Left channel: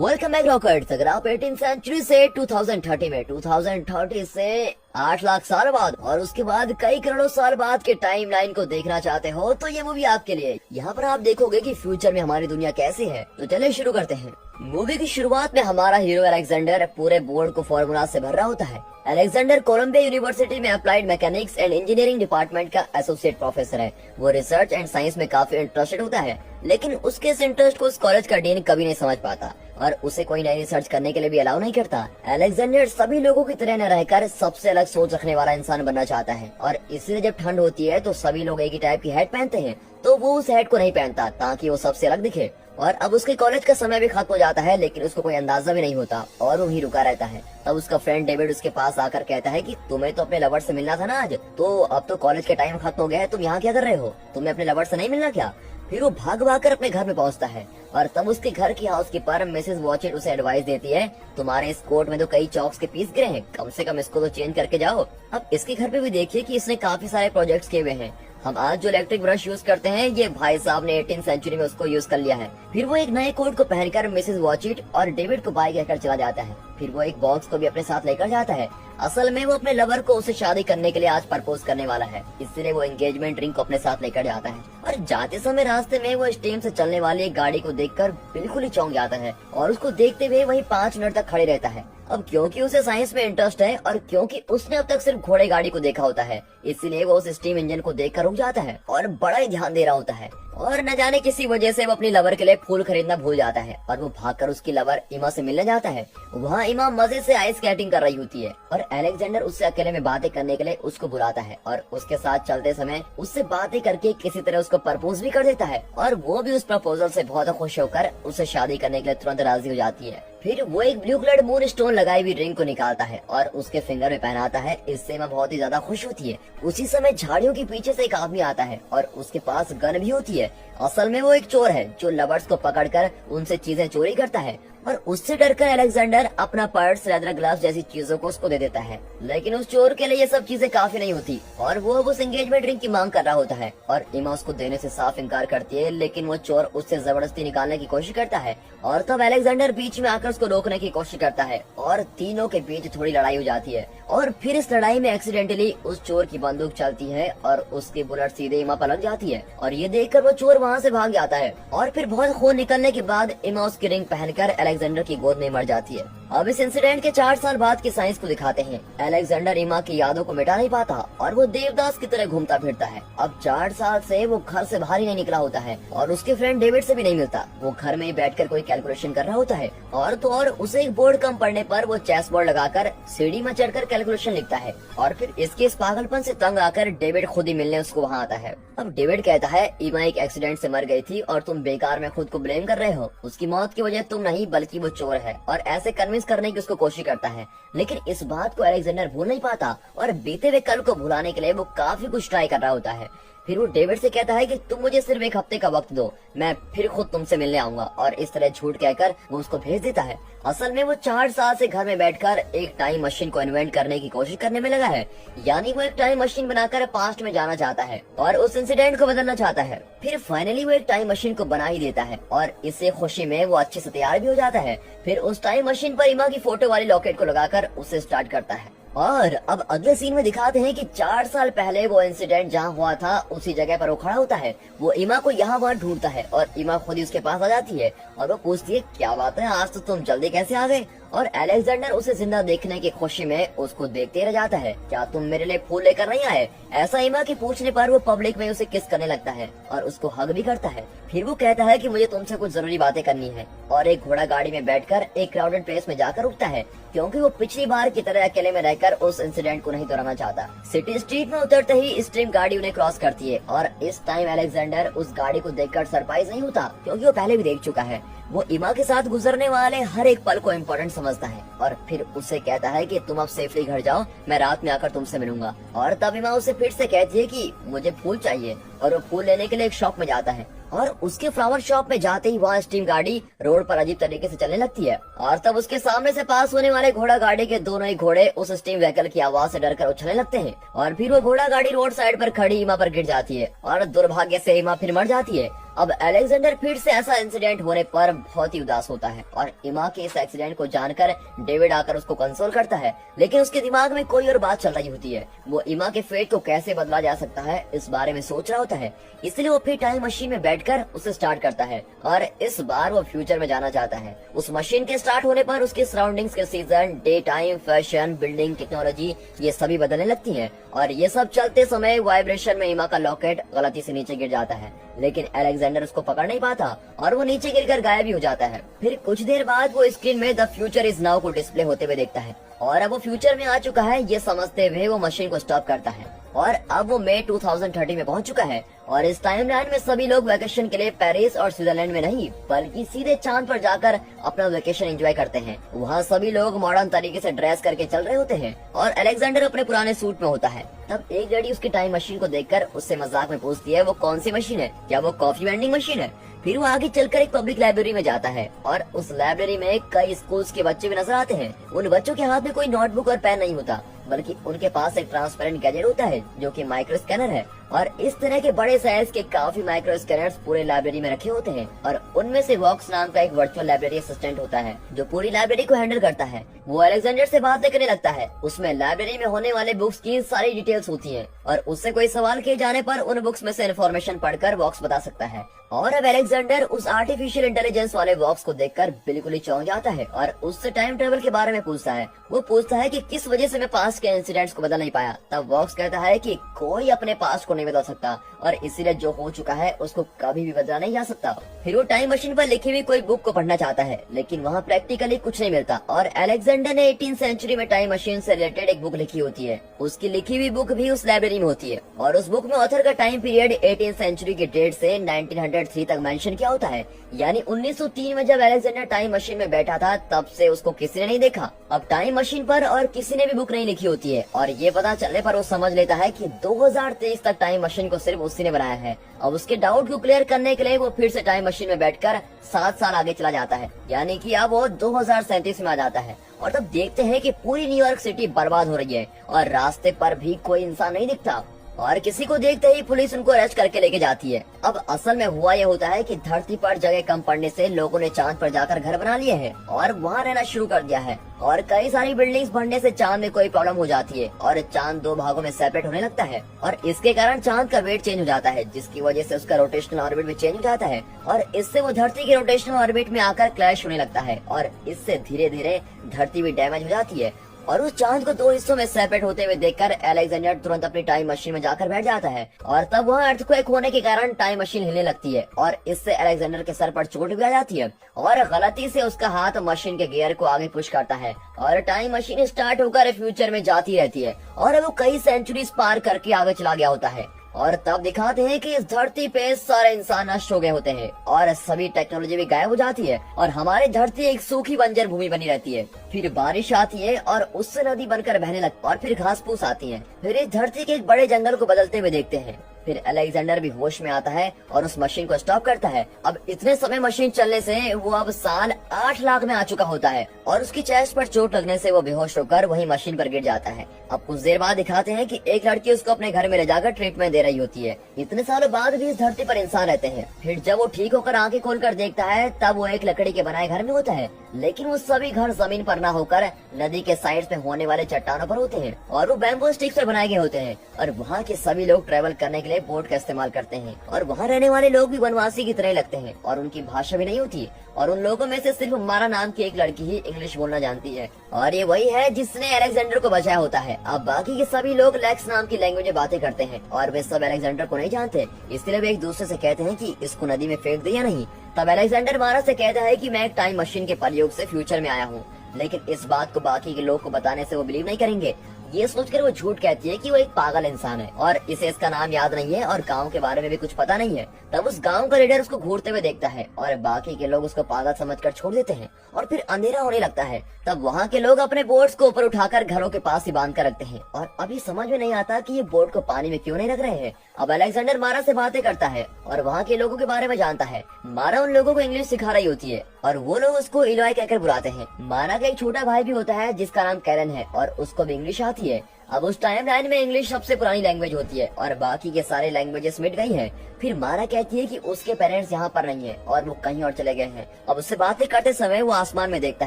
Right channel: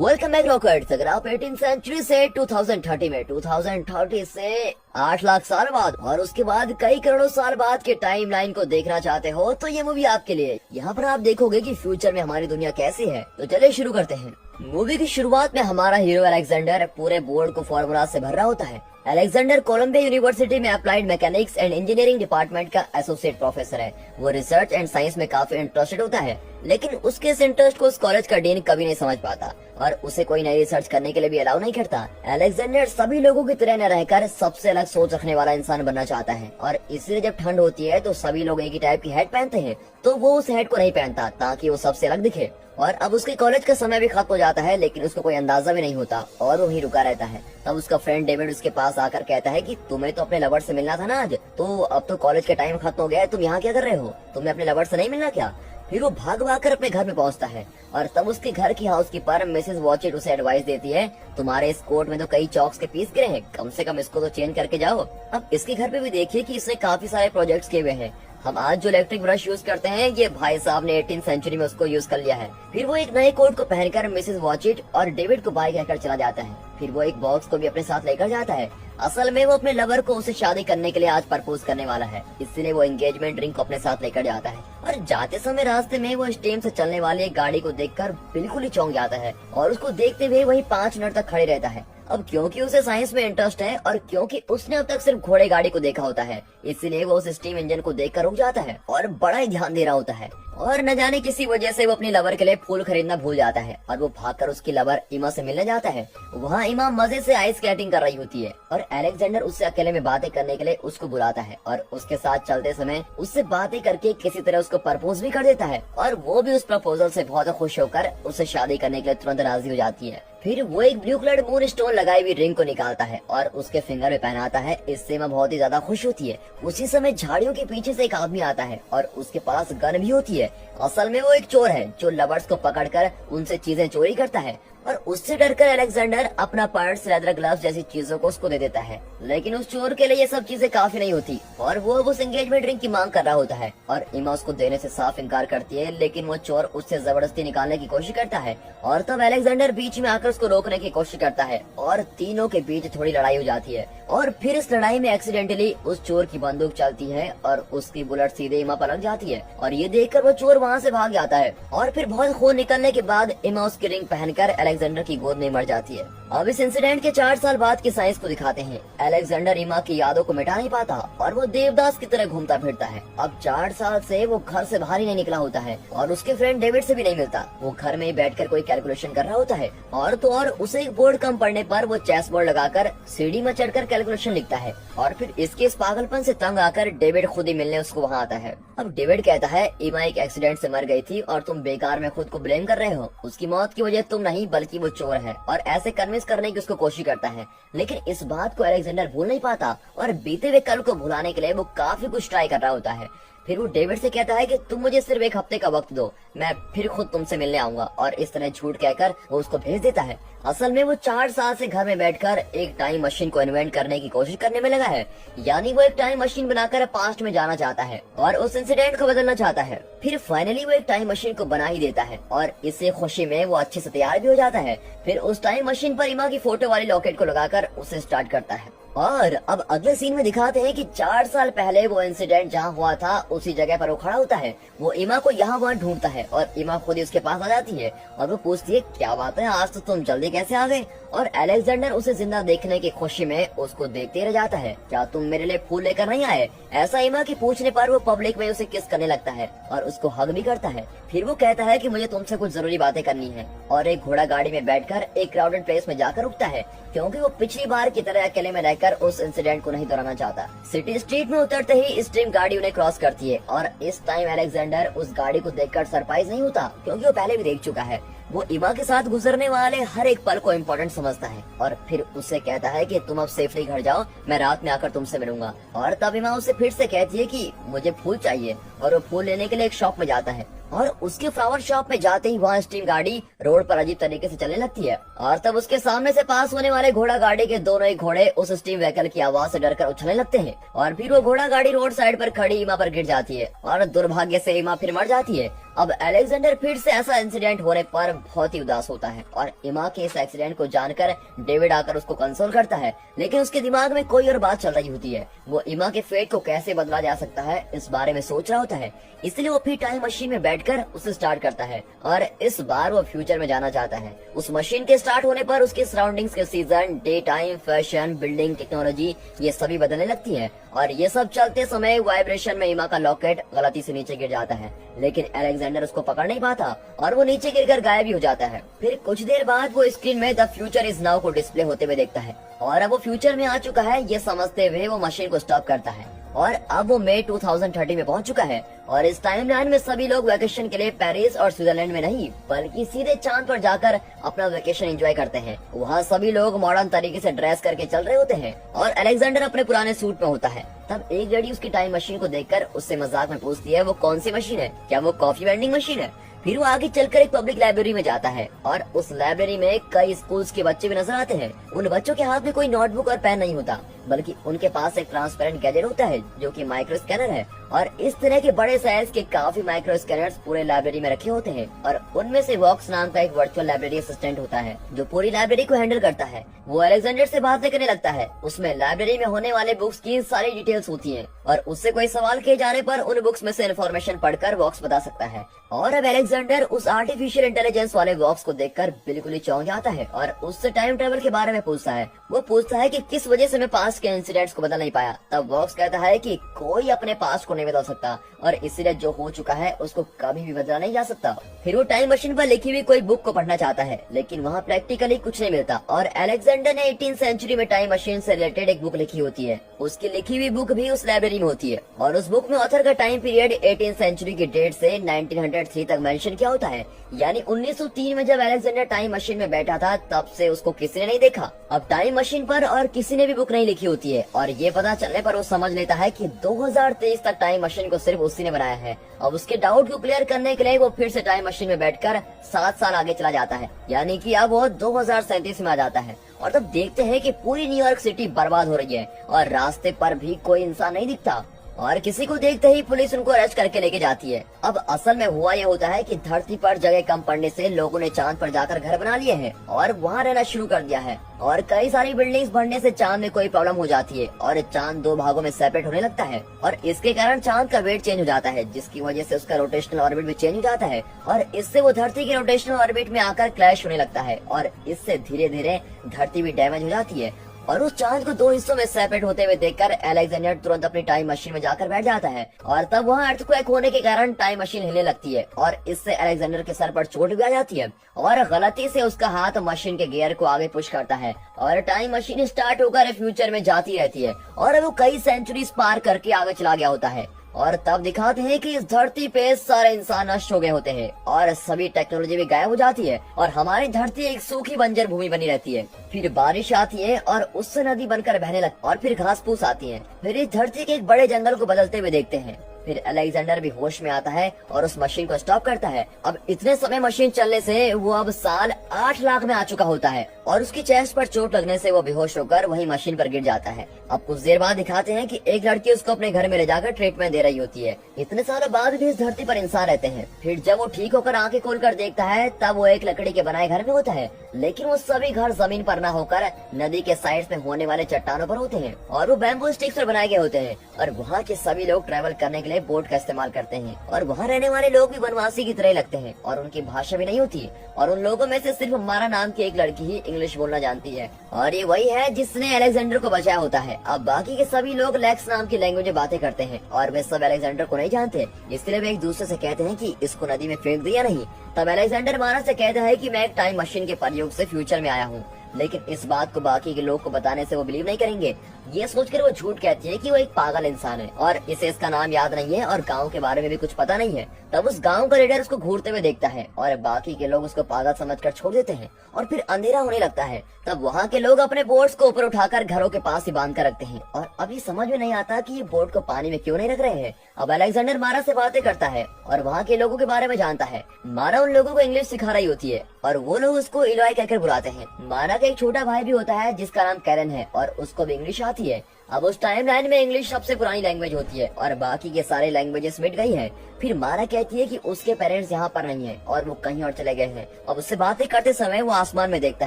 Welcome back rockets. अगर आप 18th century से 2030 में 2030 से 8 लाख साल बाद और उसके बाद कई करोड़ों साल बाद के टाइमलाइन को देखना चाहते हो तो ये मूवी आपके लिए। यहाँ पर आप देखोगे कि फ्यूचर में हमारी दुनिया कैसी है। तो चलिए शुरू करते हैं। मूवी की शुरुआत में हमारा हीरो अलेक्जेंडर पूरे बोर्ड को फॉर्मूला से भर रहा होता है। अलेक्जेंडर कोलंबिया यूनिवर्सिटी में applied mechanics and engineering department का एसोसिएट प्रोफेसर है। वो रिसर्च एंड साइंस में काफी इंटरेस्टेड होता है, लेकिन उसके इस इंटरेस्ट को उस कॉलेज का डीन कभी नहीं समझ पाता और उसे कोई नई रिसर्च करने के लिए भी अलाउ नहीं करता। अलेक्जेंडर सभी लोगों की तरह न रहकर सबसे अलग सोच रखने वाला इंसान बनना चाहता है और इसलिए जब ठंड होती है तो सभी लोग एक ही टाइप की हैट पहनते हैं, तो वो उस हैट को नहीं पहनता ताकि वो सबसे अलग दिखे। और अब उसके कॉलेज का समय भी खत्म हो जाता है, लेकिन उसको कोई अंदाजा भी नहीं होता और वो वहीं रुका रहता है। तब उसका फ्रेंड डेविड उसके पास आकर कहता है कि तुम्हें तो अपने लवर से मिलना था ना आज, तो अब तो कॉलेज का टाइम खत्म हो गया है, तुम यहाँ क्या कर रहे हो? तुम्हें अपने लवर से नहीं मिलना क्या? फिर वो भाग भाग कर अपने घर में पहुंचता है और तब उसके घर की हाउसकीपर मिसेस वॉचेट उसे एडवाइस देती है, तुम्हारे इस कोट में तो कई चॉक्स के पीस गिरे हैं, कम से कम इसको तो चेंज करके जाओ। अब इसके घर पे भी देखिए कि इसने काफी सारे प्रोजेक्ट्स किए हुए हैं। हम आज जो इलेक्ट्रिक ब्रश यूज करते हैं, ये भाई साहब ने 18th सेंचुरी में उसको यूज कर लिया है। फिर वो एक नए कोट को पहनकर मिसेस वॉचिट और डेविड को बाय कहकर चला जाता है। फिर वो एक बॉक्स को भी अपने साथ लेकर जाता है। असल में वो अपने लवर को उसे शादी करने के लिए आज प्रपोज करने वाला है, इसलिए वो एंगेजमेंट रिंग को अपने साथ लेकर जाता है। और जाते समय रास्ते में वो स्टीम से चलने वाली एक गाड़ी को देखकर बिल्कुल ही चौंक जाता है और उसको देखते हुए वही 5 मिनट तक खड़े रहता है। अब क्योंकि उसे साइंस में इंटरेस्ट है और क्योंकि उसने अब तक सिर्फ घोड़े गाड़ी को देखा होता है, इसलिए वो उस स्टीम इंजन को देखकर रुक जाता है और बड़ा ही ध्यान दे रहा होता है। और न जाने किसी वजह से वो अपनी लवर के लिए फूल खरीदना भूल जाता है और वो भागकर उसकी लवर इमा से मिलने जाता है। वहाँ इमा मजे से आइस स्केटिंग कर रही होती है और अलेक्जेंडर उससे अकेले में बातें करने के लिए उसको बुलाता है और उसके साथ चलते समय उससे बातें करके किसी तरह उसको प्रपोज भी कर देता है और वो भी उस प्रपोजल से बहुत खुश होकर उससे शादी करने के लिए तुरंत राजी हो जाती है। फिर वो एक ब्लू कलर मून स्टोन लगाई हुई रिंग को निकालता है और उसके फिंगर में पहनाता है। इससे मैं बहुत ही ज्यादा खुश होती है। उसी समय झाड़ियों के पीछे से एक आदमी आता है और उसके पास गन भी होती है। असल में वो एक चोर है जो लवर्स को पकड़कर उनसे चीजें चोरी करता है और उससे डरकर अलेक्जेंडर अपना पर्स, लेदर ग्लव्स जैसी चीजों को उसको दे देता है। लेकिन उस चोर के लिए ये सब चीजें काफी नहीं होती और वो अब उस एंगेजमेंट रिंग की मांग कर रहा होता है और इमा उसको देने से साफ इनकार करती है, लेकिन वो चोर उससे जबरदस्ती निकालने की कोशिश करता है और तब अलेक्जेंडर बीच में आकर उसको रोकने की कोशिश करता है और तीनों के बीच थोड़ी लड़ाई हो जाती है। और फिर इस लड़ाई में एक्सीडेंटली उस चोर की बंदूक चलती है और उसकी बुलेट सीधे इमा पर लग जाती है और ये देखकर वो चोर वहाँ से भाग जाता है। और फिर बहुत खून निकलने के बाद इमा उसकी रिंग पहनकर अलेक्जेंडर की गोद में मर जाती है। अब इस इंसिडेंट के 4 साल बाद की साइंस को दिखाते हैं। अलेक्जेंडर इमा की यादों को मिटा नहीं पाता और वो देवदास की तरह घूमता फिरता है। अब 4 साल से वो घर से बाहर ही नहीं निकला होता है और उसके फ्रेंड डेविड से भी नहीं मिलता। वो घर में ही बैठकर कोई कैलकुलेशन कर रहा होता है और तो और उसे एक बोर्ड कम पड़ने पर वो चेस बोर्ड लगाकर सीढ़ी में चढ़कर कैलकुलेशन लिखता है। और फिर इसके इस पागलपन से तंग आकर डेविड खुद ही मिलने उसको वहाँ आता है। अब डेविड कहता है, इमा एक एक्सीडेंट से मर गई थी और तुम बेकार में खुद को ब्लेम कर रहे हो। उसकी मौत की वजह तुम नहीं बल्कि वो चोर है और ऐसे कन्विंस करने की उसको कोशिश करता है। लेकिन इस बात को अलेक्जेंडर भूल नहीं पाता और बीते हुए कल को भुलाने के लिए वो काफी कुछ ट्राई कर रहा होता है। फिर वो डेविड से कहता है कि तुम मुझे सिर्फ 1 हफ्ते का वक्त दो, मैं फिर खुद तुमसे मिलने आऊंगा और इस तरह झूठ कहकर वो उसको भेज देता है। असल में वो 4 साल से घर में बैठकर एक टाइम मशीन को इन्वेंट करने की कोशिश करने में लगा है, यानी वो एक टाइम मशीन बनाकर पास्ट में जाना चाहता है और उस इंसिडेंट को बदलना चाहता है। फिर फाइनली वो एक टाइम मशीन को बना ही देता है और इसी खुशी में वो अच्छे से तैयार भी हो जाता है। फिर उस टाइम मशीन पर इमा की फोटो वाली लॉकेट को लगाकर उसे स्टार्ट करता है। और अब अगले सीन में दिखाते हैं कि 4 साल पहले वो इंसिडेंट जहाँ हुआ था उसी जगह पर वो खड़ा होता है। वो इमा को यहाँ वहाँ ढूंढता है और इमा खुद ही उसके पास आ जाती है और वो पूछती है, क्या बात है, आज तो तुम जल्दी कैसे आ गए? और अलेक्जेंडर उसे जिंदा देखने की खुशी में उसको देखते रह जाता है। क्या तुम मेरे लिए फूल लेकर नहीं आए? ऐसा इमा के पूछने पर वो पब्लिक में उसे किस करने लगता है और उसको हग भी करता है। फिर वो कहता है कि मुझे तुमसे कुछ जरूरी बातें करनी है और एक घोड़ा गाड़ी में बैठकर एक क्राउडेड प्लेस में जाकर रुकता है, क्योंकि वो पिछली बार की तरह अकेले में रहकर उस इंसिडेंट को नहीं दोहराना चाहता। सिटी स्ट्रीट में उतरते ही स्ट्रीम गाड़ी उन्हें क्रॉस करती है और इस टाइम अलेक्जेंडर उस गाड़ी को देखकर सरप्राइज नहीं होता, क्योंकि वो पहले भी देख चुका है। वो इमा के साथ गुजरने वाले हर एक पल को इम्पोर्टेंट समझता है और फिर उससे कहता है कि तुम अब सेफली घर जाओ, मैं रात में आकर तुमसे मिलूंगा। और तब इमा उसे फिर से कहती है कि मुझे फूल चाहिए और वो फूल लेने के लिए एक शॉप में जाता है और उसके फ्लावर शॉप में जाते ही वहाँ स्टीम गाड़ी रोड पर अजीब तरीके से चलने लगती है और तब उसके सामने से पास होने वाले घोड़ा गाड़ी के दोनों ही घोड़े उस स्टीम व्हीकल की आवाज से डरकर उछलने लगते हैं और फिर वो घोड़ा गाड़ी रोड साइड पर खड़ी इमा पर गिर जाती है और दुर्भाग्य से इमा फिर मर जाती है। अब अलेक्जेंडर फिर से ऐसा इंसिडेंट होने पर बहुत ही उदास होता है और इमा के इस एक्सीडेंट को जानकर डेविड आकर उसको कंसोल करता है, लेकिन उसके दिमाग में कोई और बात चल रही होती है। वो इमा के फेट को कैसे बदला जा सकता है इस बारे में सोच रहा होता है, इसलिए वो फिर टाइम मशीन में बैठकर उसे स्टार्ट करता है और इस बार वो फ्यूचर में जाना चाहता है। उस मशीन के स्टार्ट होने पर उसकी सराउंडिंग्स के season, day time, fashion, building, technology ये सभी बदलने लगती है और ये सब चलते समय वाइब्रेशन में इमा का लॉकेट गलती से नीचे गिर जाता है, लेकिन अलेक्जेंडर उसको पकड़ नहीं पाता और वो नीचे गिरकर गायब भी हो जाता है। फिर कुछ देर बाद वो स्क्रीन में द फ्यूचर इज नाउ को डिस्प्ले होते हुए देखता है और अब वो फ्यूचर में आ चुका है ये समझते हुए वो मशीन को स्टॉप करता है और अब वो मई 2030 में पहुंच चुका है और इस टाइमलाइन में सभी लोग वेकेशन के लिए पेरिस और स्विट्जरलैंड में नहीं बल्कि सीधे चांद पर जाकर अपना वेकेशन एंजॉय करते हैं। वहाँ सभी लोग मॉडर्न तरीके से ड्रेस करके चल रहे होते हैं और अलेक्जेंडर अपने पुराने सूट में होता है। तब एक लड़की उसकी टाइम मशीन को देखकर उससे मजाक में पूछती है वो कौन सी मशीन है, क्या वो कॉफी वेंडिंग मशीन है। फिर वो आगे चलकर एक पब्लिक लाइब्रेरी में जाता है और उस लाइब्रेरी में कई स्कूल्स के बच्चे भी नजर आते हैं। उन बच्चों के हाथ में कोई नोटबुक और पेन नहीं होता बल्कि उनके पास एक ट्रांसपेरेंट गैजेट होता है जो कि माइक्रो स्कैनर है और इस तरह के बड़े साइज के काफी माइक्रो स्कैनर्स पूरे लाइब्रेरी में रखे होते हैं और उनमें से वॉक्स नाम का एक वर्चुअल लाइब्रेरी असिस्टेंट होता है जो पूरी लाइब्रेरी को हैंडल करता है। वो अलेक्जेंडर से बातें करने लगता है। उसमें लाइब्रेरी में होने वाले बुक्स की सारी डिटेल्स होती है और उससे कोई सवाल किए जाने पर उन बुक्स में से इन्फॉर्मेशन पढ़कर वॉक्स बता सकता है। और अब अलेक्जेंडर उस आर्टिफिशियल इंटेलिजेंस वाले वॉक्स को देखकर बिल्कुल ही चौंक जाता है और उससे टाइम ट्रेवल के बारे में पूछता है। वो पूछता है कि किस वजह से मैं पास्ट के इंसिडेंट्स को बदल नहीं पाया। तब वॉक्स कहता है कि कोई अपने पास्ट को नहीं बदल सकता और इसीलिए जो हो चुका है उसको कभी भी बदला नहीं जा सकता। फिर वो टाइम मशीन पर लिखी हुई कोई बुक को पढ़ना चाहता है लेकिन वहाँ प्रैक्टिकली कुछ नहीं मिलता और अलेक्जेंडर ने 18th सेंचुरी में टाइम मशीन से रिलेटेड एक बुक लिखी होती है। उसकी लिखी हुई बुक भी उस लाइब्रेरी में होती है और उस बुक में ऑथर का टाइम पीरियड 18th सेंचुरी के डेट से 1903 तक मेंशन किया होता है, यानी 1903 में जब अलेक्जेंडर टाइम मशीन में बैठा था तब से उसको किसी ने नहीं देखा। अब टाइम मशीन पर और किसी ने भी बुक नहीं लिखी होती है और ये पता चलने पर वो समझ लेता है कि 2023 तक टाइम मशीन को सिर्फ उसी ने बनाया है। अब उसके डाउट को क्लियर करने के लिए वो फिर से टाइम मशीन में बैठकर 7 साल आगे चला जाता है, यानी कि अब वो 2037 में आ जाता है और तब देखते हैं कि पूरी न्यूयॉर्क सिटी बर्बाद हो रही है और रास्ते पर भी कोई इंसान नहीं दिखता और किसी को देखते ही पुलिस उनको अरेस्ट करके लेके जाती है। अब असल में हुआ ये होता है कि धरती पर जगह कम पड़ने से लोगों ने चांद पर जाकर घर बना लिए हैं और वहाँ रहना शुरू कर दिया है और कई सारी बिल्डिंग्स बनने से चांद में कोई प्रॉब्लम हो जाती है और चांद 2 भागों में सेपरेट होने लगता है और इसके कारण चांद का वेट चेंज हो जाता है जिसकी वजह से उसका रोटेशनल ऑर्बिट भी चेंज हो जाता है और इससे वो धरती के रोटेशनल ऑर्बिट में आकर क्लैश होने लगता है और इससे धीरे धीरे धरती भी डैमेज हो जाती है। और उस चांद को 2 हिस्सों में सेपरेट होते हुए देखकर अलेक्जेंडर तुरंत अपनी टाइम मशीन में जाकर बैठ जाता है और तब वहाँ अर्थक्वेक होने के कारण टाइम मशीन हिलने लगती है और इससे अलेक्जेंडर के सर पर चोट भी आ जाती है और गलती से उसका हाथ मशीन के गियर को आगे पुश करता है और टाइम मशीन स्टार्ट होकर फ्यूचर में जाती रहती है और वो कई सेंचुरीज पार करके आगे चला गया होता है और तब दिखाते हैं कि इस धरती पे सारे इंसान नष्ट हो गए होते हैं और सभी टेक्नोलॉजी भी गायब हो जाती है और हमारी धरती एक सूखी बंजर भूमि बनी रहती है। फिर बारिश आती है और उससे नदी बनकर बहने लगती और फिर घास फूस आती है। फिर इस धरती के एक बड़े जंगल को बदलते हुए देखते हैं। फिर अलेक्जेंडर भी होश में आता है और उस मशीन को स्टॉप करता है। अब इतने समय मशीन चलने से वो अब साल 8 लाख में आ चुका होता है और उसकी चेस्ट पर चोट लगने से वो बेहोश होकर वही मशीन पर गिर जाता है। अब कुछ देर बाद दिखाते हैं कि एक लड़की उसको अपने घर में ले जाकर ट्रीटमेंट दे रही होती है। इतने सालों बाद भी इस धरती पर इंसान रहते हैं। फिर जब वो ठीक होकर आंखें खोलकर देखता है तब वो एक लकड़ी के बनाए घर में होता है, लेकिन वो सभी घर जमीन पर न होकर नदी के साइड पे होने वाले चट्टानों पर होते हैं और वो बैम्बू स्टिक्स पर बनाए गए होते हैं और वहाँ के सभी लोग ट्रेवल करने के लिए बोट का इस्तेमाल करते हैं और वहाँ रहने वाले लोग भी वनवासी की तरह लगते हैं और उनकी भाषा भी नहीं होती और उन लोगों में से सिर्फ मारा नाम की एक लड़की ही इंग्लिश बोलना जानती है और ये वही है जिसने अलेक्जेंडर को बचाया होता है। अब बाकी के सभी लोग लेक्स नाम की लैंग्वेज में बातें करते हैं और वे सब अलेक्जेंडर को नहीं जानते, इसलिए वे एक दूसरे से कहते हैं कि इसको नदी में फेंक दे या नहीं। तब अलेक्जेंडर मारा से कहता है कि मैं एक टाइम मशीन के प्रयोग से फ्यूचर में आया हूँ, लेकिन इस बात को बाकी के लोग को बताने से वो बिलीव नहीं करेंगे। ये सोचकर वो झूठ कहती है कि वो एक पागल इंसान है और इसे इसका नाम याद नहीं है और गांव के बारे में भी कुछ पता नहीं है। तब उस गांव का लीडर उसको घूरते हुए देखता है और बाकी के लोग उसको पागल समझकर छोड़ देते हैं और फिर अंधेरा होने लगता है। तब वहाँ के लोग अपने बोट्स को ऊपर उठाकर घरों के पास ही बांध कर रखते हैं और अभी समझ में नहीं आता कि ये बोट को पानी में क्यों नहीं रख रहे हैं। अब अलेक्जेंडर मारा से बातें करता है और वहाँ के लोगों के बारे में जानता है। मारा उन लोगों को इंग्लिश सिखा रही होती है और वो लोग उसको इलॉय कहकर बुलाते हैं। मारा का एक छोटा भाई भी होता है जिसका नाम कैलन है और उसको भी इंग्लिश आती आती है। अब उस टाइम लाइन में इंग्लिश सबसे पुरानी लैंग्वेज होती है और बाकी के सारे लैंग्वेजेस मिट गई है। फिर मारा कहती है कि उसके पेरेंट्स यहाँ पर नहीं है और वो कहीं और चले गए हैं। अब उससे बातें करते समय वो आसमान में देखता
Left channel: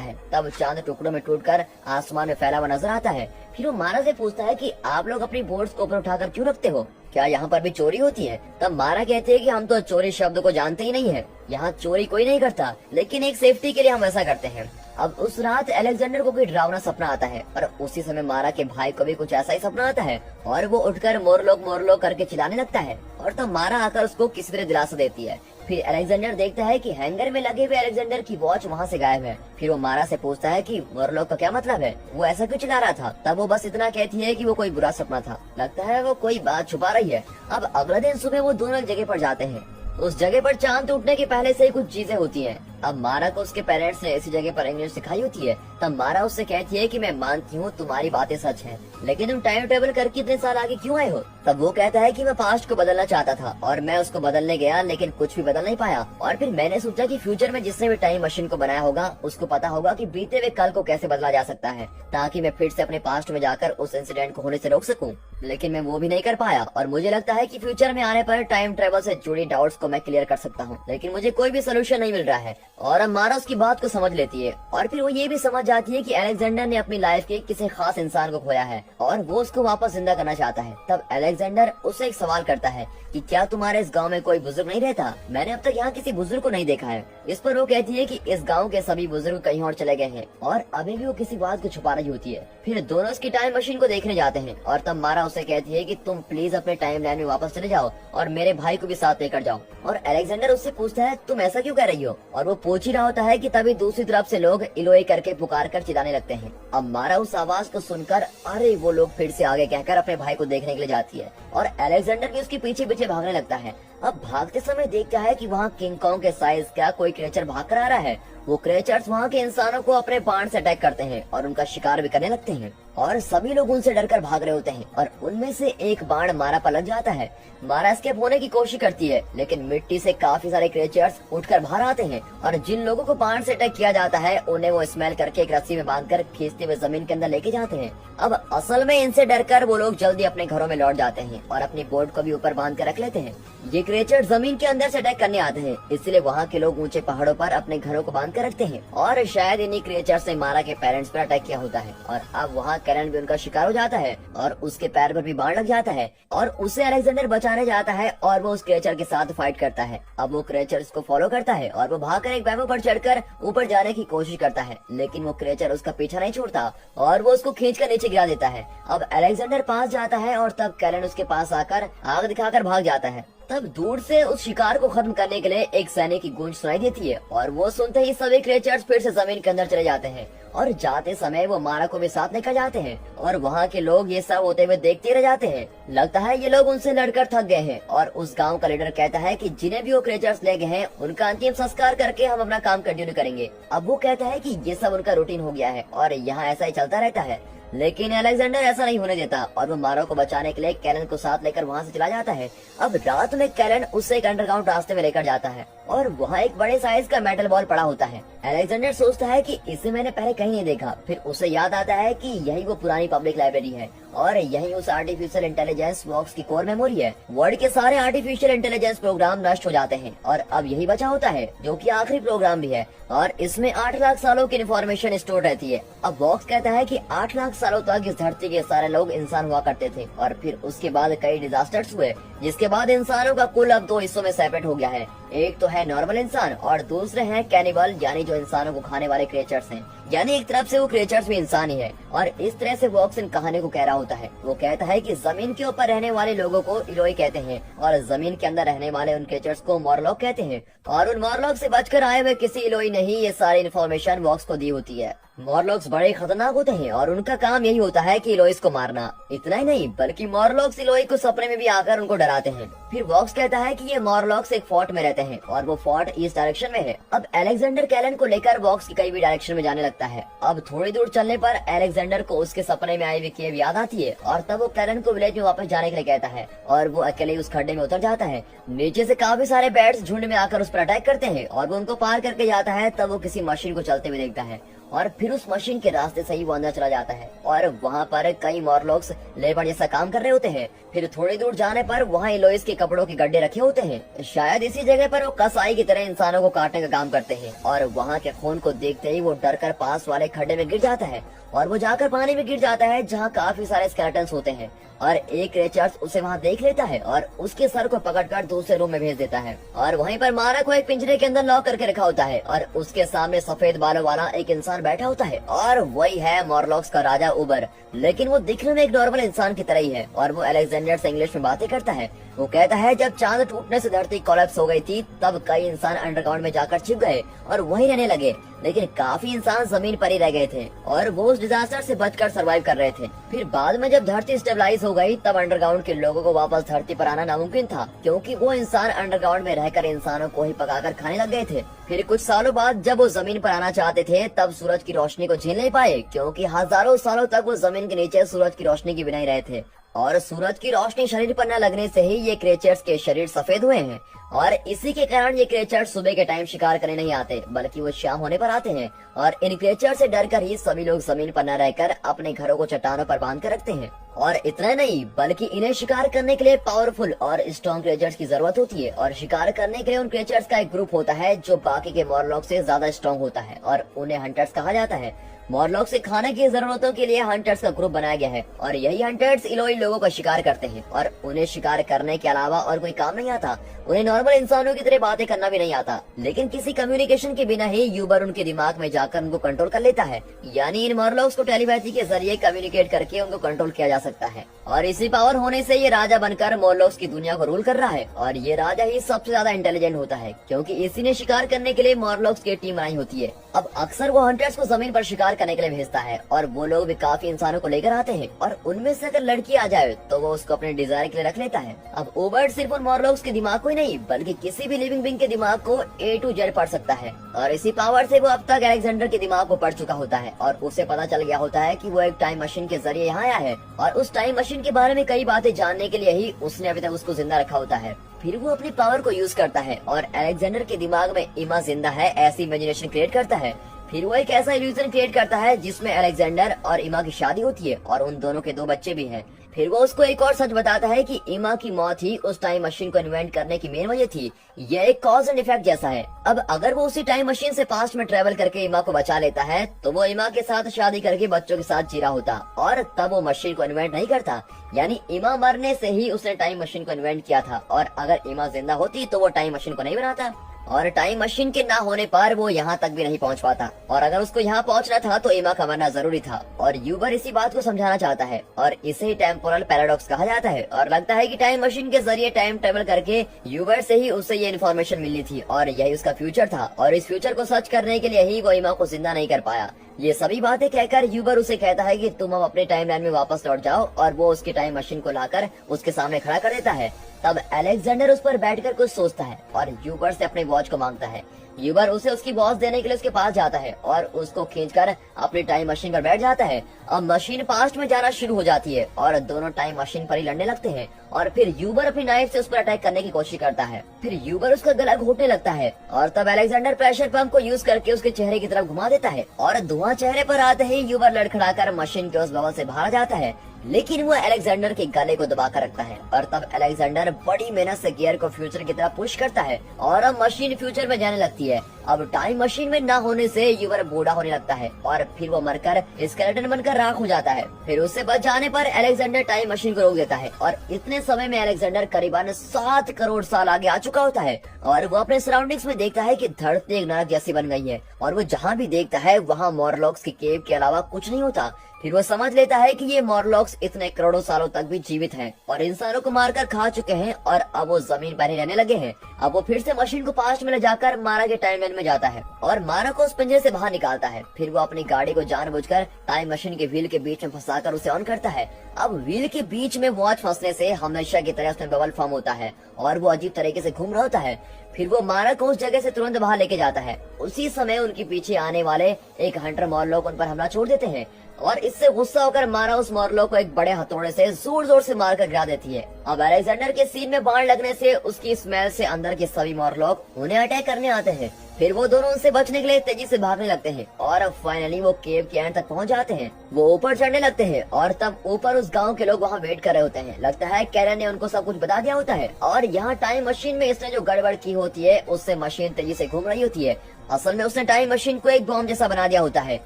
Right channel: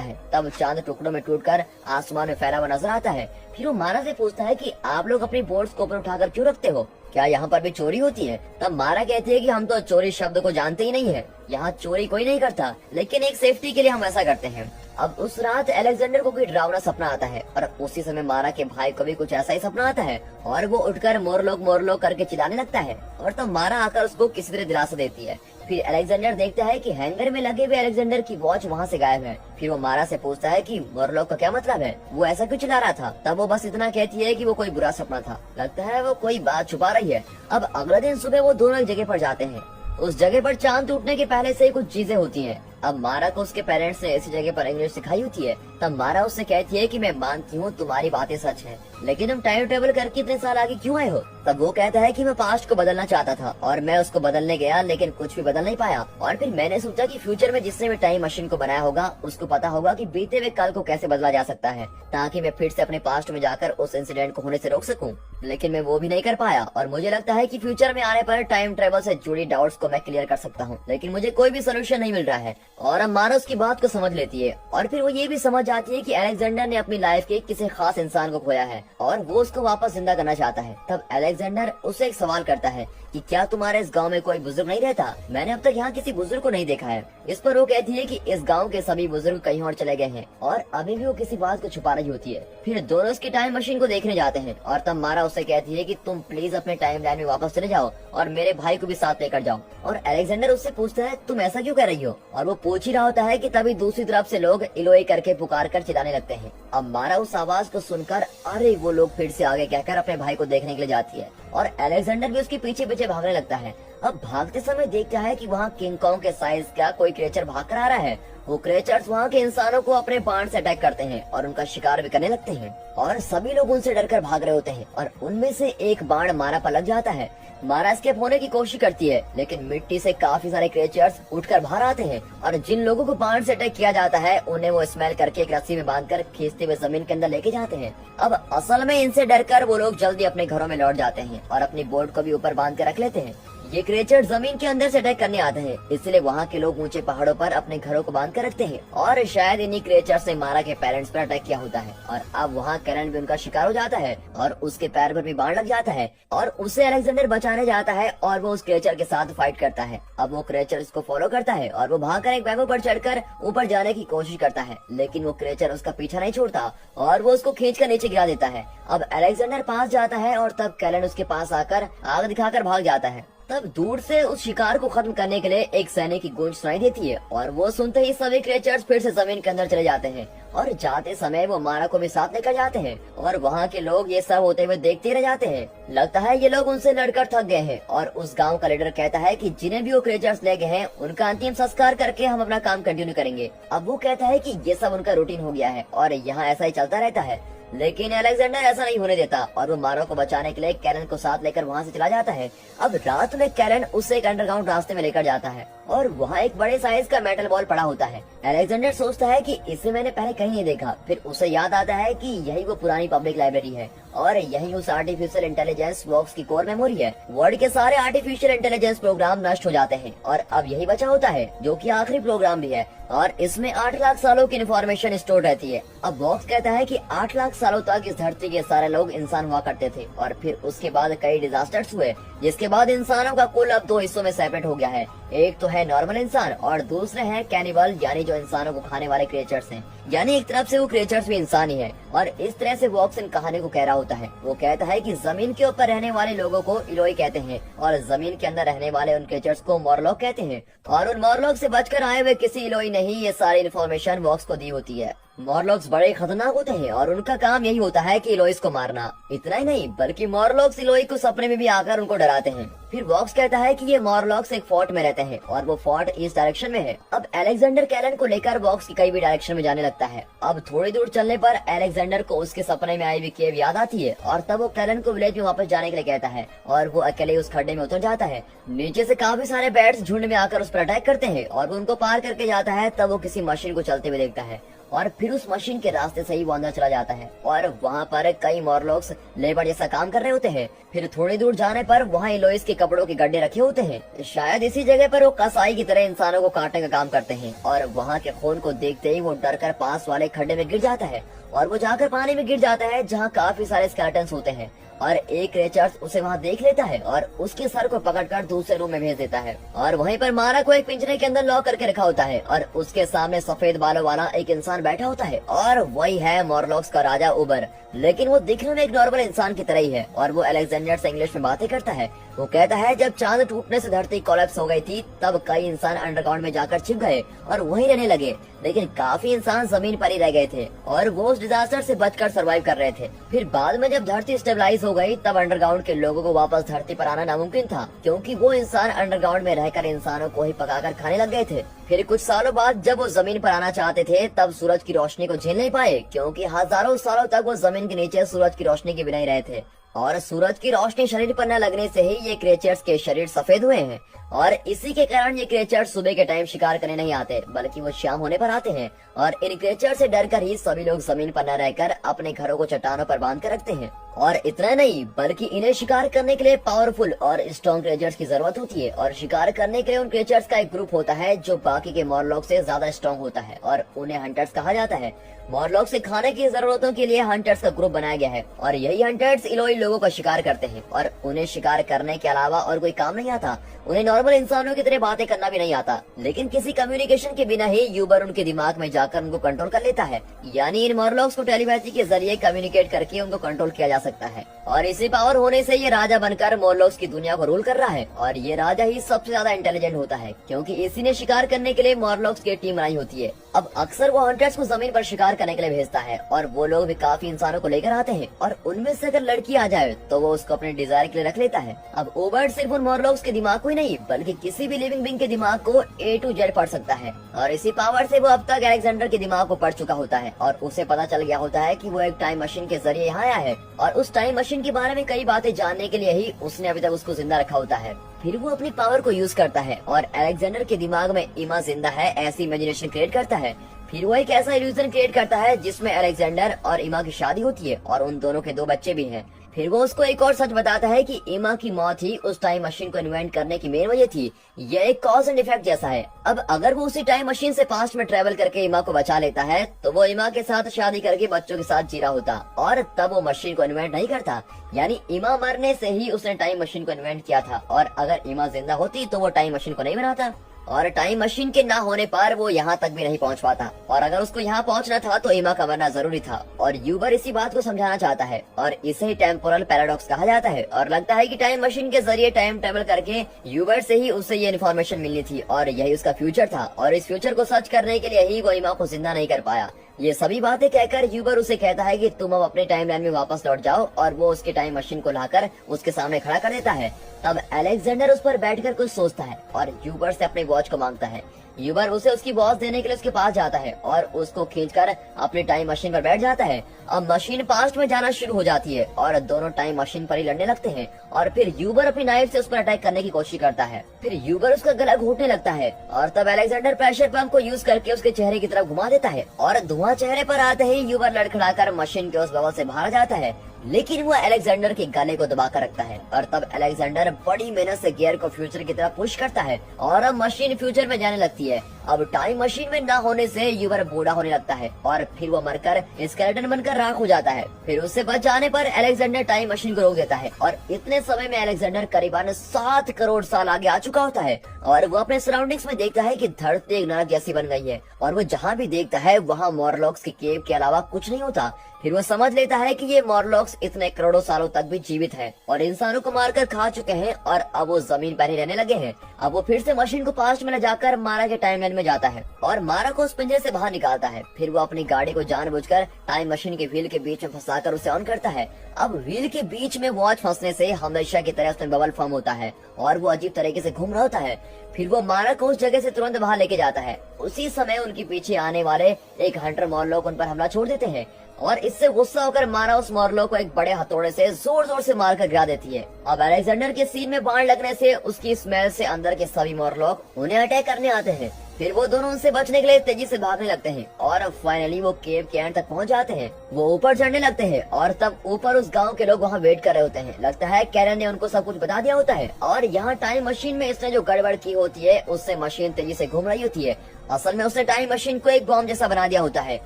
है, तब चांद टुकड़ों में टूटकर आसमान में फैला हुआ नजर आता है। फिर वो मारा से पूछता है कि आप लोग अपनी बोर्ड्स को ऊपर उठाकर क्यों रखते हो, क्या यहाँ पर भी चोरी होती है? तब मारा कहते हैं कि हम तो चोरी शब्द को जानते ही नहीं है, यहाँ चोरी कोई नहीं करता, लेकिन एक सेफ्टी के लिए हम ऐसा करते हैं। अब उस रात अलेक्जेंडर को कोई डरावना सपना आता है और उसी समय मारा के भाई को भी कुछ ऐसा ही सपना आता है और वो उठकर मोरलोक करके चिल्लाने लगता है और तब मारा आकर उसको किसी तरह दिलासा देती है। फिर अलेक्जेंडर देखता है कि हैंगर में लगे हुए अलेक्जेंडर की वॉच वहाँ से गायब है। फिर वो मारा से पूछता है कि मोरलोक का क्या मतलब है, वो ऐसा क्यों चिल्ला रहा था? तब वो बस इतना कहती है कि वो कोई बुरा सपना था, लगता है वो कोई बात छुपा रही है। अब अगले दिन सुबह वो दोनों एक जगह पर जाते हैं। उस जगह पर चांद टूटने के पहले से ही कुछ चीजें होती हैं। अब मारा को उसके पेरेंट्स ने ऐसी जगह पर इंग्लिश सिखाई होती है। तब मारा उससे कहती है कि मैं मानती हूँ तुम्हारी बातें सच हैं, लेकिन तुम टाइम ट्रेवल करके इतने साल आगे क्यों आए हो? तब वो कहता है कि मैं पास्ट को बदलना चाहता था और मैं उसको बदलने गया, लेकिन कुछ भी बदल नहीं पाया। और फिर मैंने सोचा कि फ्यूचर में जिसने भी टाइम मशीन को बनाया होगा उसको पता होगा कि बीते हुए कल को कैसे बदला जा सकता है, ताकि मैं फिर से अपने पास्ट में जाकर उस इंसिडेंट को होने से रोक सकूं। लेकिन मैं वो भी नहीं कर पाया और मुझे लगता है कि फ्यूचर में आने पर टाइम ट्रेवल से जुड़ी डाउट्स को मैं क्लियर कर सकता हूँ, लेकिन मुझे कोई भी सोल्यूशन नहीं मिल रहा है। और अब मारा उसकी बात को समझ लेती है और फिर वो ये भी समझ जाती है कि अलेक्जेंडर ने अपनी लाइफ के किसी खास इंसान को खोया है और वो उसको वापस जिंदा करना चाहता है। तब अलेक्जेंडर उससे एक सवाल करता है कि क्या तुम्हारे इस गांव में कोई बुजुर्ग नहीं रहता? मैंने अब तक यहाँ किसी बुजुर्ग को नहीं देखा है। इस पर वो कहती है कि इस गांव के सभी बुजुर्ग कहीं और चले गए हैं और अभी भी वो किसी बात को छुपा रही होती है। फिर दोनों उसकी टाइम मशीन को देखने जाते हैं और तब मारा उससे कहती है कि तुम प्लीज अपने टाइम लाइन में वापस चले जाओ और मेरे भाई को भी साथ लेकर जाओ। और अलेक्जेंडर उससे पूछता है तुम ऐसा क्यों कर रही हो? और वो पूछ ही रहा होता है कि तभी दूसरी तरफ से लोग इलोई करके पुकार कर चिल्लाने लगते हैं। अब मारा उस आवाज को सुनकर अरे वो लोग फिर से आगे कहकर अपने भाई को देखने के लिए जाती है और अलेक्जेंडर भी उसके पीछे पीछे भागने लगता है। अब भागते समय देखता है कि वहाँ किंग कॉन्ग के साइज का कोई क्रिएचर भाग कर आ रहा है। वो क्रिएचर्स वहाँ के इंसानों को अपने बाण से अटैक करते हैं और उनका शिकार भी करने लगते हैं और सभी लोग उनसे डरकर भाग रहे होते हैं और उनमें से एक बाण मारा पर लग जाता है। मारा एस्केप होने की कोशिश करती है, लेकिन मिट्टी से काफी सारे क्रिएचर्स उठकर बाहर आते हैं और जिन लोगों को बाण से अटैक किया जाता है उन्हें वो स्मेल करके एक रस्सी में बांधकर खींचते हुए जमीन के अंदर लेके जाते हैं। अब असल में इनसे डरकर वो लोग जल्दी अपने घरों में लौट जाते हैं और अपनी बोट को भी ऊपर बांध कर रख लेते हैं। ये क्रिएचर जमीन के अंदर से अटैक करने आते हैं, इसलिए वहाँ के लोग ऊंचे पहाड़ों पर अपने घरों को बांध कर रखते हैं और शायद इन्हीं क्रिएचर्स ने मारा के पेरेंट्स पर अटैक किया होता है और अब वहाँ कैरन भी उनका शिकार हो जाता है और उसके पैर पर भी बाण लग जाता है और उसे अलेक्जेंडर बचाने जाता है और वो उस क्रिएचर के साथ फाइट करता है। अब वो क्रिएचर उसको फॉलो करता है और वो भागकर एक बैम्बू पर चढ़कर ऊपर जाने की कोशिश करता है, लेकिन वो क्रिएचर उसका पीछा नहीं छोड़ता और वो उसको खींचकर नीचे गिरा देता है। अब अलेक्जेंडर पास जाता है और तब कैरन उसके पास आकर आग दिखाकर भाग जाता है। तब दूर से उस शिकार को खत्म करने के लिए एक सैनिक की गूंज सुनाई देती है और वो सुनते ही सभी क्रिएचर्स फिर से जमीन के अंदर चले जाते हैं और जाते समय वो मारा को भी साथ लेकर जाते हैं और वहाँ के लोग ये सब होते हुए देखते रह जाते हैं। लगता है ये लोग उनसे लड़कर थक गए हैं और उस गांव का लीडर कहता है कि जिन्हें भी वो क्रिएचर्स ले गए हैं उनका अंतिम संस्कार करके हम अपना काम कंटिन्यू करेंगे। अब वो कहता है कि ये सब उनका रूटीन हो गया है और यहाँ ऐसा ही चलता रहता है, लेकिन अलेक्जेंडर ऐसा नहीं होने देता और वो मारा को बचाने के लिए कैरन को साथ लेकर वहाँ से चला जाता है। अब रात में कैरन उसे एक अंडरग्राउंड रास्ते में लेकर जाता है और वहाँ एक बड़े साइज का मेटल बॉल पड़ा होता है। अलेक्जेंडर सोचता है कि इसे मैंने पहले कहीं नहीं देखा। फिर उसे याद आता है कि यही वो पुरानी पब्लिक लाइब्रेरी है और यही उस आर्टिफिशियल इंटेलिजेंस बॉक्स की कोर मेमोरी है। वर्ल्ड के सारे आर्टिफिशियल इंटेलिजेंस प्रोग्राम नष्ट हो जाते हैं और अब यही बचा होता है जो कि आखिरी प्रोग्राम भी है और इसमें 8 लाख सालों की इन्फॉर्मेशन स्टोर रहती है। अब बॉक्स कहता है कि 8 लाख सालों तक इस धरती के सारे लोग इंसान हुआ करते थे और फिर उसके बाद कई डिजास्टर्स हुए, जिसके बाद इंसानों का कुल अब 2 हिस्सों में सेपरेट हो गया है। एक तो है नॉर्मल इंसान और दूसरे हैं कैनिबल, यानी जो इंसानों को खाने वाले क्रिएचर्स हैं। यानी एक तरफ से वो क्रिएचर्स भी इंसान ही है और इस तरह से बॉक्स इन कहानी को कह रहा होता है। वो कहता है कि जमीन के ऊपर रहने वाले लोगों को इलोई कहते हैं और जमीन के अंदर रहने वाले उन क्रिएचर्स को मोरलॉक कहते हैं और उन मोरलॉक से बचकर आए हुए किसी इलोई ने ही ये सारी इन्फॉर्मेशन बॉक्स को दी होती है। मोरलॉक्स बड़े खतरनाक होते हैं और उनका काम यही होता है कि इलोइस को मारना। इतना ही नहीं बल्कि मोरलॉक्स इलोई को सपने में भी आकर उनको डराते हैं। फिर बॉक्स कहता है कि ये मोरलॉक्स एक फोर्ट में रहते हैं और वो फोर्ट ईस्ट डायरेक्शन में है। अब अलेक्जेंडर कैरन को लेकर बॉक्स की कई भी डायरेक्शन में जाने लगता है। अब थोड़ी दूर चलने पर अलेक्जेंडर को उसके सपने में आई हुई केव याद आती है और तब वो कैरन को विलेज में वापस जाने के लिए कहता है और वो अकेले उस खड्डे में उतर जाता है। नीचे से काफी सारे बैट्स झुंड में आकर उस पर अटैक करते हैं और वो उनको पार करके जाता है। तब वो किसी मशीन को चलते हुए देखता है और फिर उस मशीन के रास्ते से ही वो अंदर चला जाता है और वहाँ पर कई मॉरलॉक्स लेबर जैसा काम कर रहे होते हैं। फिर थोड़ी दूर जाने पर वहाँ इलोइस के कपड़ों के गड्ढे रखे होते हैं। शायद इसी जगह पर वो कसाई की तरह इंसानों को काटने का काम करते हैं और वहाँ के खून को देखते ही वो डर कर पास वाले खड्डे में गिर जाता है और वो जाकर पानी में गिर जाता है जहाँ काफी सारे स्केलेटन्स होते हैं। और एक रिचर्ड्स उसे वहाँ देख लेता है और उसके सर को पकड़कर दूसरे रूम में भेज देता है और वहीं पर मारा को एक पिंजरे के अंदर लॉक करके रखा होता है और उसके सामने सफेद बालों वाला एक इंसान बैठा होता है और वही है मॉरलॉक्स का राजा उबर। लेकिन वो दिखने में एक नॉर्मल इंसान की तरह ही है और वो अलेक्जेंडर से इंग्लिश में बातें करता है। वो कहता है जब चांद टूटने से धरती कोलैप्स हो गई थी तब कई इंसान अंडरग्राउंड में जाकर छिप गए और वहीं रहने लगे, लेकिन काफी इंसान जमीन पर ही रह गए थे और वो उस डिजास्टर से बचकर सरवाइव कर रहे थे। फिर बाद में जब धरती स्टेबलाइज हो गई तब अंडरग्राउंड के लोगों को वापस धरती पर आना नामुमकिन था क्योंकि वो इंसान अंडरग्राउंड में रहकर इंसानों को ही पकाकर खाने लग गए थे। फिर कुछ सालों बाद जब वो जमीन पर आना चाहते थे तब सूरज की रोशनी को झेल नहीं पाए क्योंकि हजारों सालों तक वो जमीन के नीचे सूरज की रोशनी के बिना ही रहे थे और सूरज की रोशनी शरीर पर न लगने से ही ये क्रिएचर्स के शरीर सफेद हुए हैं और इसी के कारण ये क्रिएचर्स सुबह के टाइम शिकार करने नहीं आते बल्कि वो शाम होने पर आते हैं और इन क्रिएचर से डरकर ही सभी लोग जमीन पर न रहकर अपने घरों को चट्टानों पर बांध कर रखते हैं। और इतना नहीं बल्कि इन्हें शिकार करने के लिए पावरफुल और स्ट्रॉन्ग क्रिएचर्स की जरूरत होती है और शिकार करने के लिए उन क्रिएचर्स का एक ग्रुप होता है जो बाकी के मॉरलॉक से ज्यादा स्ट्रॉन्ग होता है और उन्हें हंटर्स कहा जाता है। मॉरलॉक से खाने की जरूरतों के लिए हंटर्स का ग्रुप बनाया गया है और यही हंटर्स इलोई लोगों का शिकार करते हैं और उन्हें शिकार करने के अलावा और कोई काम नहीं आता। उन्हें नॉर्मल इंसानों की तरह बातें करना भी नहीं आता, लेकिन किसी कम्युनिकेशन के बिना ही यूबर उनके दिमाग में जाकर उनको कंट्रोल कर लेता है। यानी इन मॉरलॉक्स को टेलीपैथी के जरिए कम्युनिकेट करके उनको कंट्रोल किया जा सकता है और इसी पावर होने से ये राजा बनकर मॉरलॉक्स की दुनिया को रूल कर रहा है और ये राजा ही सबसे ज्यादा इंटेलिजेंट होता है क्योंकि इसी ने शिकार करने के लिए मॉरलॉक्स की टीम बनाई होती है। अब अक्सर वो हंटर्स को जमीन पर शिकार करने के लिए भेजता है और वो लोग भी काफी इंसानों को लेकर आते हैं और उनमें से अगर लड़की आ जाए तो वो उसको अपने डिजायर के लिए रख लेता है। अब ओबर्ट सिर्फ उन मॉरलॉक्स के दिमाग को ही नहीं बल्कि किसी भी लिविंग बीइंग के दिमाग को A to Z पढ़ सकता है और इसी पावर से वो अब तक अलेक्जेंडर के दिमाग को पढ़ चुका होता है और उसे पता चल गया होता है कि वो एक टाइम मशीन के जरिए यहाँ आया है और उस टाइम मशीन के बारे में कई बातें जानने के लिए ही उसने अभी तक उसको जिंदा रखा होता है। फिर वो अपनी पावर को यूज करता है और अलेक्जेंडर के दिमाग में इमा जिंदा है ऐसी इमेजिनेशन क्रिएट करता है। फिर वो एक ऐसा इल्यूजन क्रिएट करता है जिसमें अलेक्जेंडर और इमा की शादी होती है और उन दोनों के 2 बच्चे भी हैं। फिर वो उसको एक और सच बताता है कि इमा की मौत ही उस टाइम मशीन को इन्वेंट करने की मेन वजह थी। ये एक कॉज एंड इफेक्ट जैसा है। अब अगर वो उसी टाइम मशीन से पास्ट में ट्रेवल करके इमा को बचा लेता है तो वो इमा के साथ शादी करके बच्चों के साथ जी रहा होता और तब वो मशीन को इन्वेंट नहीं करता। यानी इमा मरने से ही उसने टाइम मशीन को इन्वेंट किया था और अगर इमा जिंदा होती तो वो टाइम मशीन को नहीं बनाता और टाइम मशीन के ना होने पर वो यहाँ तक भी नहीं पहुँच पाता और अगर उसको यहाँ पहुँचना था तो इमा का मरना जरूरी था और यूबर इसी बात को समझाना चाहता है और इसे ही टेम्पोरल पैराडॉक्स कहा जाता है और लगता है कि टाइम मशीन के जरिए टाइम ट्रेवल करके यूबर से ही उसे ये इन्फॉर्मेशन मिलनी थी और यही उसका फ्यूचर था और इस फ्यूचर को सच करने के लिए ही वो इमा को जिंदा नहीं कर पाया। ये सभी बातें कहकर यूबर उसे कहता है कि तुम अब अपने टाइम लाइन में वापस लौट जाओ और वो उसकी टाइम मशीन को लाकर उसके सामने खड़ा कर देता है। तब अलेक्जेंडर उस पर बैठकर कुछ सोचता है और यूबर से अपने वॉच को मांगता है। यूबर उसे उसकी वॉच देने के लिए उसके पास जाता है और उसको खींचकर अपनी टाइम मशीन पर बैठ जाता है। अब मशीन पास्ट में जाना शुरू हो जाती है और दोनों टाइम मशीन पर ही लड़ने लगते हैं और फिर यूबर अपनी नाइफ से उस पर अटैक करने की कोशिश करता है। फिर यूबर उसका गला घोटने लगता है और तब अलेक्जेंडर प्रेशर पंप को यूज करके उसके चेहरे की तरफ घुमा देता है और धुआं चेहरे पर आते ही यूबर लड़खड़ाकर मशीन के उस बबल से बाहर जाता है, लेकिन वो अलेक्जेंडर के गले को दबा कर रखता है और तब अलेक्जेंडर बड़ी मेहनत से गियर को फ्यूचर की तरफ पुश करता है और अब मशीन फ्यूचर में जाने लगती है। अब टाइम मशीन में ना होने से यूबर बूढ़ा होने लगता है और फिर वो मरकर स्केलेटन बनकर राख हो जाता है। फिर उससे बच जाने पर अलेक्जेंडर टाइम मशीन को रोक देता है और इतने समय में अलेक्जेंडर करीबन 7 करोड़ साल आगे आ चुका होता है और वो अपने सराउंडिंग्स में देखता है कि धरती एक नरक जैसी बन गई है और वो जहाँ भी देखता है वहाँ मॉरलॉक्स की केव के अलावा कुछ नहीं होता। फिर वो समझ लेता है कि ये मॉरलॉक्स इतने करोड़ों सालों तक भी जीवित हैं और इंसानों को मारकर खा चुके हैं और अब वो जमीन पर ही रहने लगे हैं। अब वो फिर से मशीन को पास्ट में ले जाकर मारा के टाइमलाइन में जाता है और मारा को उस पिंजरे से बाहर निकालता है। फिर वो अपनी गाड़ी को जानबूझकर टाइम मशीन के व्हील के बीच में फंसाकर उसे ऑन करता है। अब व्हील के बीच में वॉच फंसने से हमेशा की तरह उसमें बबल फॉर्म होता है और वो अजीब तरीके से घूम रहा होता है। फिर वो मारा को उस जगह से तुरंत बाहर लेके जाता है। उसी समय उनके पीछे आने वाले एक हंटर मॉरलॉक उन पर हमला छोड़ देते हैं और इससे गुस्सा होकर मारा उस मॉरलॉक को एक बड़े हथौड़े से जोर जोर से मारकर गिरा देती है। अब अलेक्जेंडर के सीन में बाण लगने से उसकी स्मेल से अंदर के सभी मॉरलॉक उन्हें अटैक करने आते हैं। फिर वो दोनों उनसे बचने के लिए तेजी से भागने लगते हैं और अब फाइनली वो केव के एंड तक पहुंच जाते हैं। वो ऊपर चढ़ने लगते हैं और तब ऊपर उस गांव के लोग वहां वेट कर रहे होते हैं। लगता है कैरन ने उनको सब कुछ बता दिया होता है और यहाँ टाइम मशीन में इसने जो गड़बड़ की होती है उससे मशीन तेजी से घूम रही होती है। असल में उसने टाइम मशीन को एक बॉम्ब जैसा बना दिया होता है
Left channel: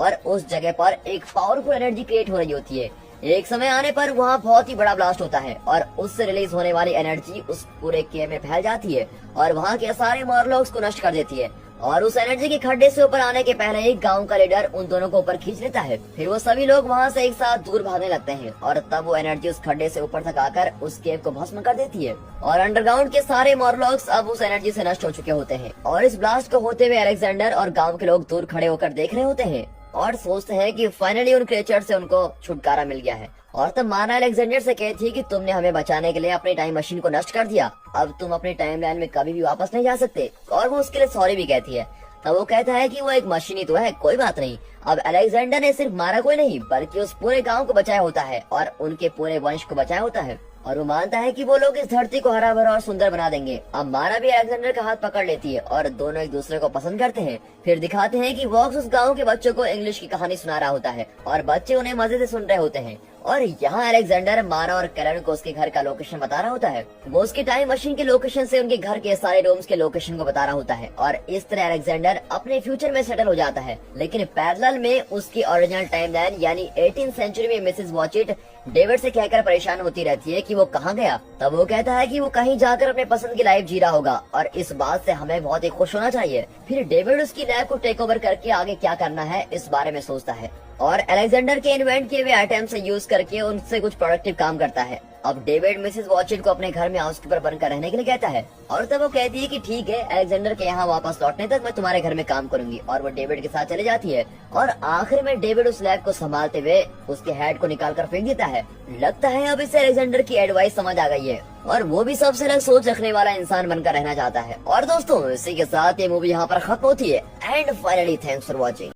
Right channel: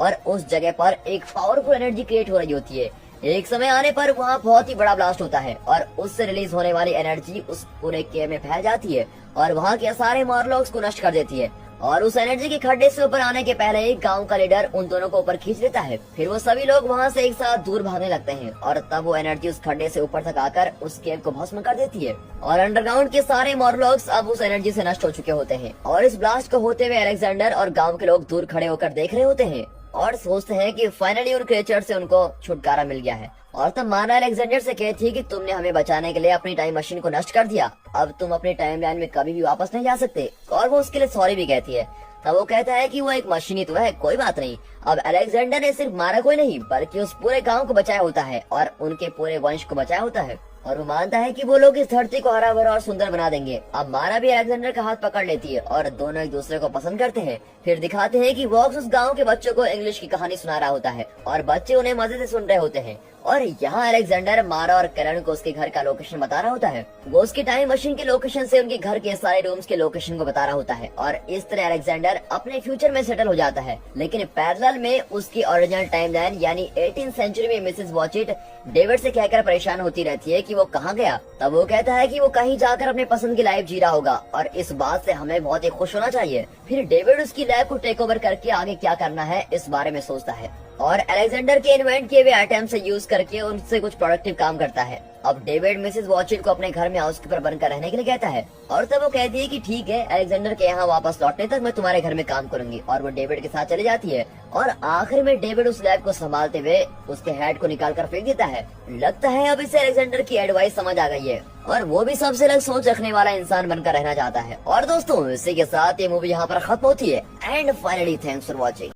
और उस जगह पर एक पावरफुल एनर्जी क्रिएट हो रही होती है। एक समय आने पर वहाँ बहुत ही बड़ा ब्लास्ट होता है और उससे रिलीज होने वाली एनर्जी उस पूरे केव में फैल जाती है और वहाँ के सारे मॉर्लॉक्स को नष्ट कर देती है। और उस एनर्जी के खड्डे से ऊपर आने के पहले एक गांव का लीडर उन दोनों को ऊपर खींच लेता है। फिर वो सभी लोग वहाँ से एक साथ दूर भागने लगते हैं और तब वो एनर्जी उस खड्डे से ऊपर तक आकर उस केव को भस्म कर देती है और अंडरग्राउंड के सारे मॉर्लॉक्स अब उस एनर्जी से नष्ट हो चुके होते हैं। और इस ब्लास्ट को होते हुए अलेक्जेंडर और गाँव के लोग दूर खड़े होकर देख रहे होते हैं और सोचते हैं कि फाइनली उन क्रिएचर से उनको छुटकारा मिल गया है। और तब मारा अलेक्जेंडर से कहती है कि तुमने हमें बचाने के लिए अपनी टाइम मशीन को नष्ट कर दिया, अब तुम अपनी टाइमलाइन में कभी भी वापस नहीं जा सकते। और वो उसके लिए सॉरी भी कहती है। तब वो कहता है कि वो एक मशीन ही तो है, कोई बात नहीं। अब अलेक्जेंडर ने सिर्फ मारा कोई नहीं बल्कि उस पूरे गांव को बचाया होता है और उनके पूरे वंश को बचाया होता है और वो मानता है कि वो लोग इस धरती को हरा भरा और सुंदर बना देंगे। अब मारा भी अलेक्जेंडर का हाथ पकड़ लेती है और दोनों एक दूसरे को पसंद करते हैं। फिर दिखाते हैं कि वॉक्स उस गांव के बच्चों को इंग्लिश की कहानी सुना रहा होता है और बच्चे उन्हें मजे से सुन रहे होते हैं। और यहाँ अलेक्जेंडर मारा और कैरन को उसके घर का लोकेशन बता रहा होता है। वो उसकी टाइम मशीन के लोकेशन से उनके घर के सारे रूम्स के लोकेशन को बता रहा होता है और इस तरह अलेक्जेंडर अपने फ्यूचर में सेटल हो जाता है। लेकिन पैरेलल में उसकी ओरिजिनल टाइमलाइन यानी 18th सेंचुरी में मिसेस वॉचिट डेविड से कहकर परेशान होती रहती है कि वो कहाँ गया। तब वो कहता है कि वो कहीं जाकर अपने पसंद की लाइफ जी रहा होगा और इस बात से हमें बहुत ही खुश होना चाहिए। फिर डेविड उसकी लैब को टेक ओवर करके आगे क्या करना है इस बारे में सोचता है और अलेक्जेंडर के इन्वेंट किए हुए आइटम से यूज करके उनसे कुछ प्रोडक्टिव काम करता है। अब डेविड मिसेस वॉचिट को अपने घर में हाउसकीपर बनकर रहने के लिए कहता है और तब वो कहती है कि ठीक है, अलेक्जेंडर के यहाँ वापस लौटने तक मैं तुम्हारे घर में काम करूंगी। और वो डेविड के साथ चली जाती है और आखिर में डेविड उस लैब को संभालते हुए उसके हेड को निकाल कर फेंक देता है। लगता है अब इसे अलेक्जेंडर की एडवाइस समझ आ गई है और वो भी सबसे अलग सोच रखने वाला इंसान बनकर रहना चाहता है। और दोस्तों इसी के साथ ये मूवी यहाँ पर खत्म होती है। And finally thanks for watching.